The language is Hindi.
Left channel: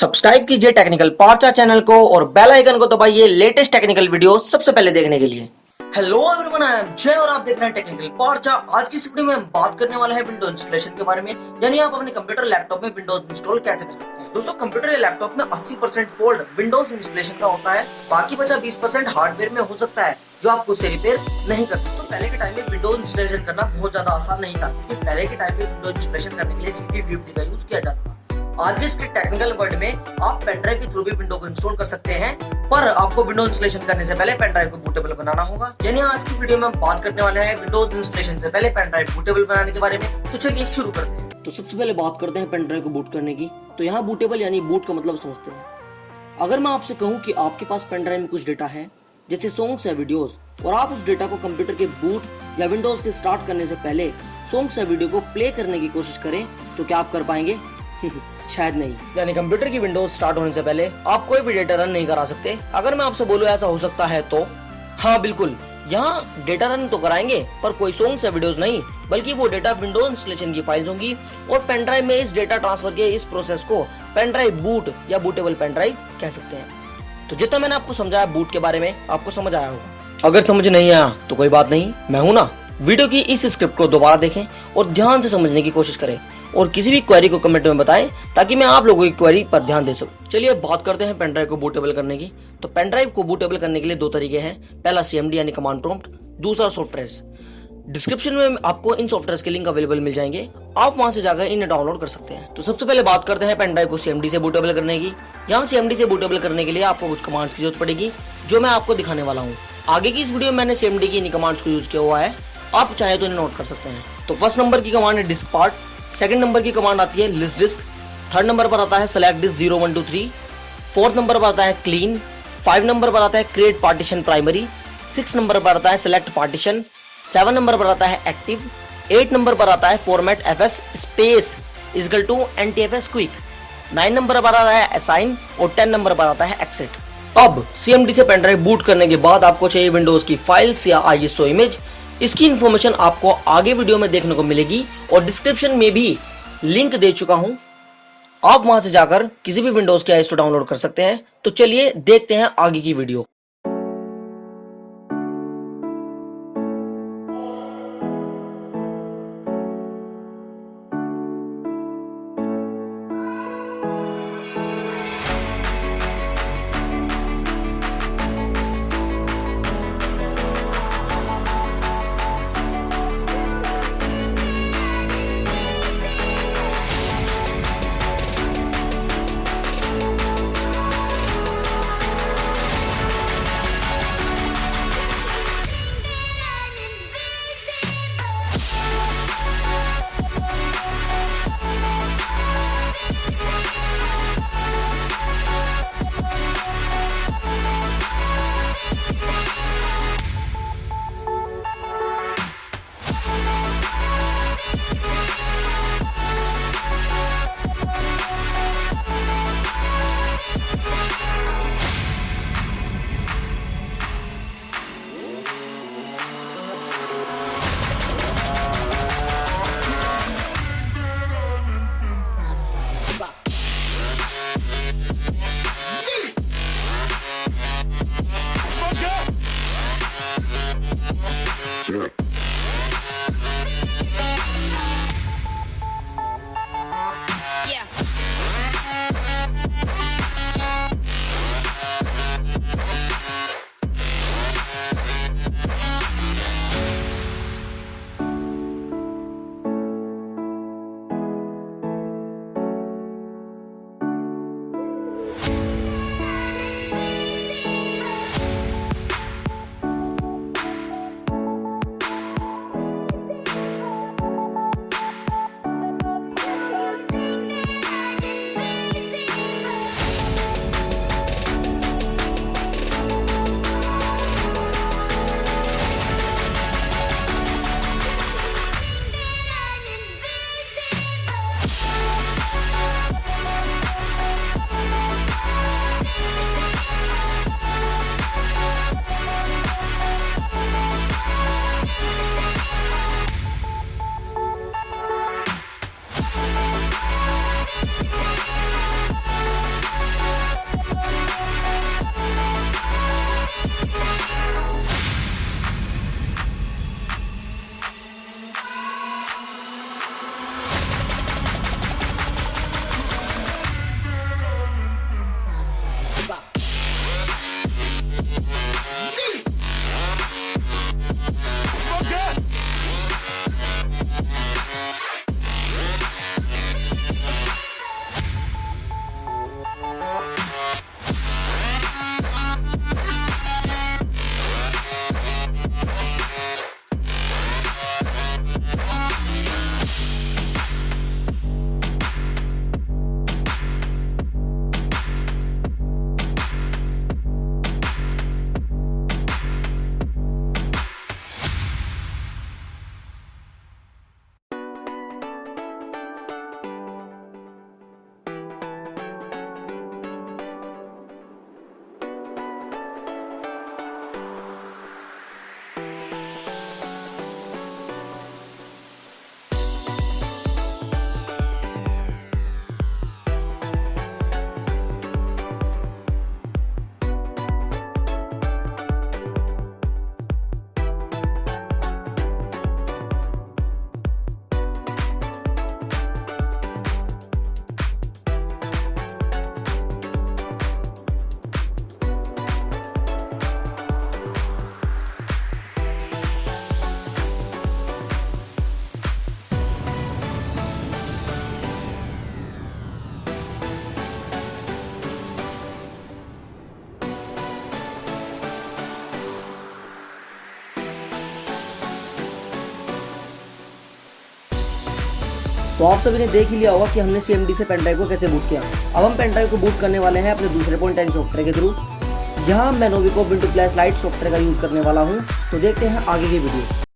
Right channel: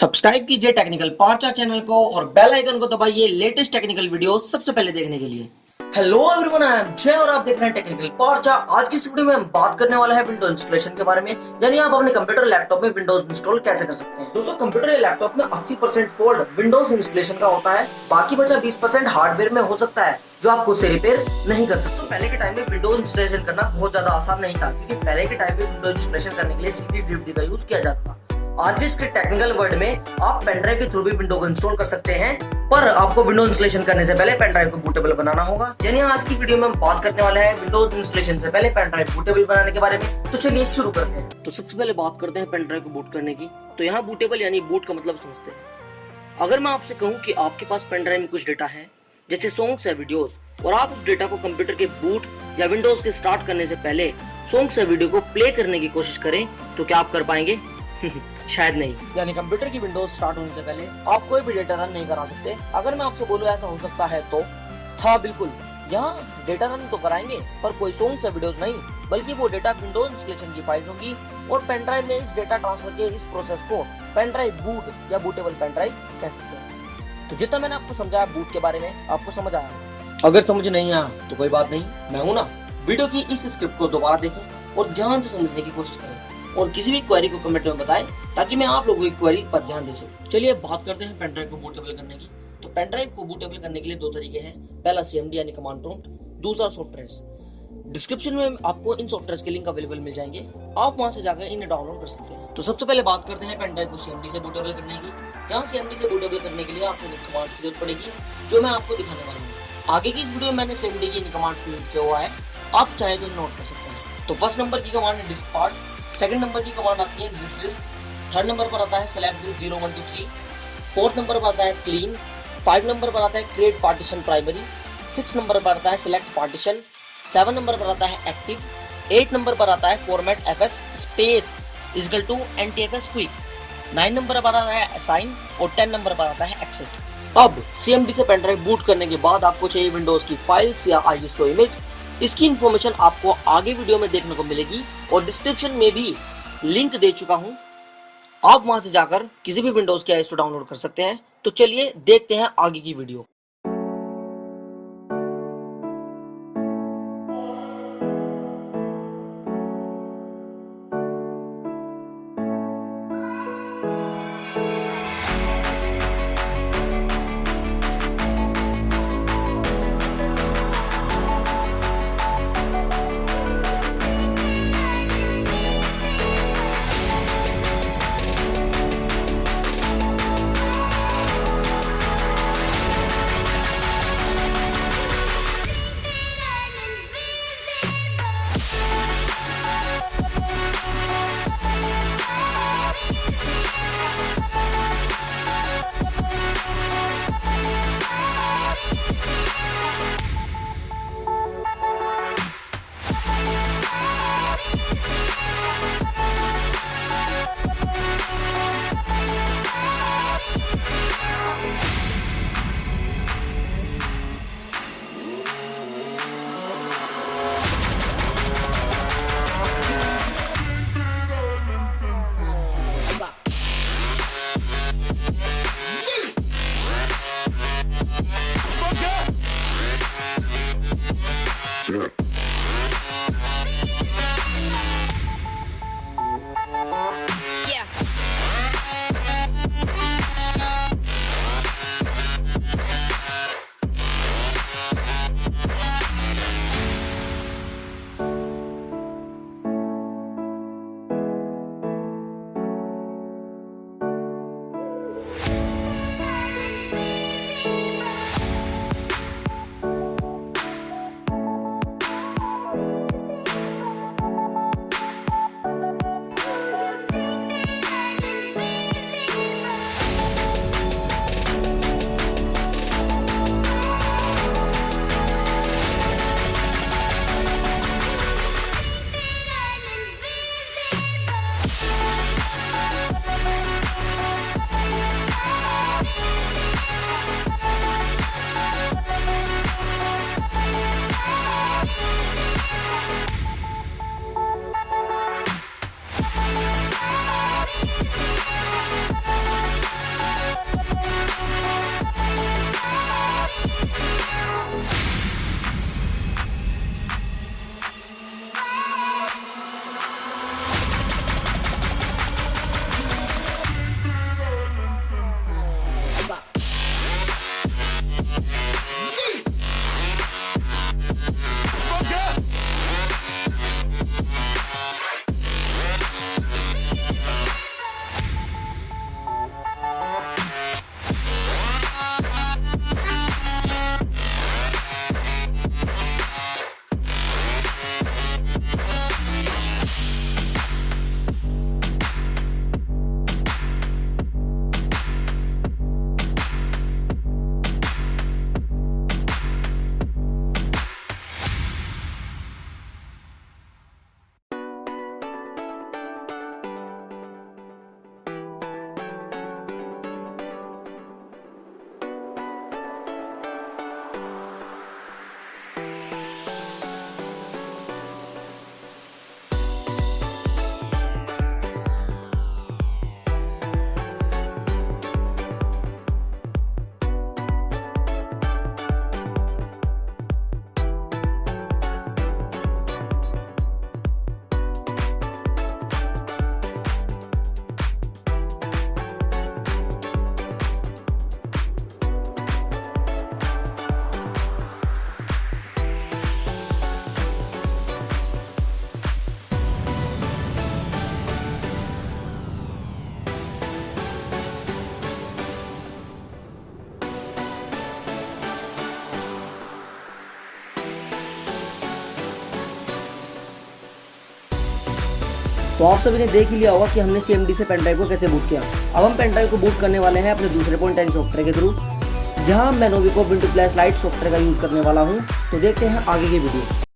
सब्सक्राइब कीजिए टेक्निकल पार्चा चैनल को और बेल आइकन को दबाइए लेटेस्ट टेक्निकल वीडियो सबसे पहले देखने के लिए। हेलो एवरीवन, आई एम जय और आप देख रहे हैं टेक्निकल पार्चा। आज की इस वीडियो में हम बात करने वाला है विंडोज इंस्टॉलेशन के बारे में, यानी आप अपने कंप्यूटर लैपटॉप में विंडोज इंस्टॉल कैसे कर सकते हैं। दोस्तों, कंप्यूटर या लैपटॉप में 80% फॉल्ट विंडोज इंस्टॉलेशन का होता है, बाकी बचा 20% हार्डवेयर में हो सकता है जो आप खुद से रिपेयर नहीं कर सकते। पहले के टाइम में विंडोज इंस्टॉलेशन करना बहुत ज्यादा आसान नहीं था, क्योंकि पहले के टाइम में विंडोज इंस्टॉलेशन करने के लिए सीडी डीवीडी का यूज किया जाता था। आज के इसके टेक्निकल वर्ड में आप पेनड्राइव के थ्रू भी विंडो को इंस्टॉल कर सकते हैं, पर आपको विंडोज इंस्टॉलेशन करने से पहले पेनड्राइव को बूटेबल बनाना होगा। यानी आज की वीडियो में हम बात करने वाले हैं विंडोज इंस्टॉलेशन से पहले पेनड्राइव बूटेबल बनाने के बारे में। तो चलिए शुरू करते हैं। तो सबसे पहले बात करते हैं पेनड्राइव को बूट करने की। तो यहाँ बूटेबल यानी बूट का मतलब समझते हैं। अगर मैं आपसे कहूँ कि आपके पास पेनड्राइव में कुछ डेटा है, जैसे सॉन्ग्स या वीडियोस, और आप उस डेटा को कंप्यूटर के बूट या विंडोज के स्टार्ट करने से पहले सॉन्ग्स या वीडियो को प्ले करने की कोशिश करें, तो क्या आप कर पाएंगे? शायद नहीं। यानी कंप्यूटर की विंडोज स्टार्ट होने से पहले आप कोई भी डेटा रन नहीं करा सकते। अगर मैं आपसे बोलूं ऐसा हो सकता है तो हाँ बिल्कुल, यहाँ डेटा रन तो कराएंगे पर कोई सॉन्ग्स या वीडियोस नहीं, बल्कि वो डेटा विंडोज इंस्टॉलेशन की फाइल्स होंगी और पेनड्राइव में इस डेटा ट्रांसफर के इस प्रोसेस को पेनड्राइव बूट या बूटेबल पेनड्राइव कह सकते हैं। तो जितना मैंने आपको समझाया बूट के बारे में, आपको समझ आया होगा। अगर समझ नहीं आया तो कोई बात नहीं, मैं हूं ना। वीडियो की इस स्क्रिप्ट को दोबारा देखें और ध्यान से समझने की कोशिश करें, और किसी भी क्वेरी को कमेंट में बताएं ताकि मैं आप लोगों की क्वेरी पर ध्यान दे सकूं। चलिए बात करते हैं पेनड्राइव को बूटेबल करने की। तो पेनड्राइव को बूटेबल करने के लिए दो तरीके हैं, पहला CMD यानी कमांड प्रॉम्प्ट, दूसरा सॉफ्टवेयर्स। डिस्क्रिप्शन में आपको इन सॉफ्टवेयर्स के लिंक अवेलेबल मिल जाएंगे, आप वहां से जाकर इन्हें डाउनलोड कर सकते हैं। तो सबसे पहले बात करते हैं पेनड्राइव को CMD से बूटेबल करने की। यहाँ CMD से बूटेबल करने के लिए आपको कुछ कमांड्स की जरूरत पड़ेगी, जो मैं आपको दिखाने वाला हूँ। आगे की इस वीडियो में मैंने CMD की इन कमांड्स को यूज किया हुआ है, आप चाहे तो इन्हें नोट कर सकते हैं। तो फर्स्ट नंबर की कमांड है डिस्क पार्ट, सेकंड नंबर की कमांड आती है लिस्ट डिस्क, थर्ड नंबर पर आता है सेलेक्ट डिस्क 0 1 2 3, फोर्थ नंबर पर आता है क्लीन, 5 नंबर पर आता है क्रिएट पार्टीशन प्राइमरी, 6 नंबर पर आता है सेलेक्ट पार्टीशन, 7 नंबर पर आता है एक्टिव, 8 नंबर पर आता है format FS space equal to NTFS quick, 9 number पर आता है असाइन और 10 नंबर पर आता है एक्सिट। अब CMD से पेनड्राइव बूट करने के बाद आपको चाहिए विंडोज की फाइल्स या ISO इमेज। इसकी इंफॉर्मेशन आपको आगे वीडियो में देखने को मिलेगी और डिस्क्रिप्शन में भी लिंक दे चुका हूं, आप वहां से जाकर किसी भी विंडोज की ISO डाउनलोड कर सकते हैं। तो चलिए देखते हैं आगे की वीडियो। तो आप सभी ने देख ही लिया होगा कि हमने CMD से पेन ड्राइव को कैसे बूट किया। अब हम पेन ड्राइव को बूट करने वाले हैं अपने दूसरे .10 सॉफ्टवेयर के थ्रू। यहाँ मैं नोविको विंडो फ्लैश लाइट सॉफ्टवेयर का यूज करने वाला हूँ। तो देखते हैं आगे की वीडियो।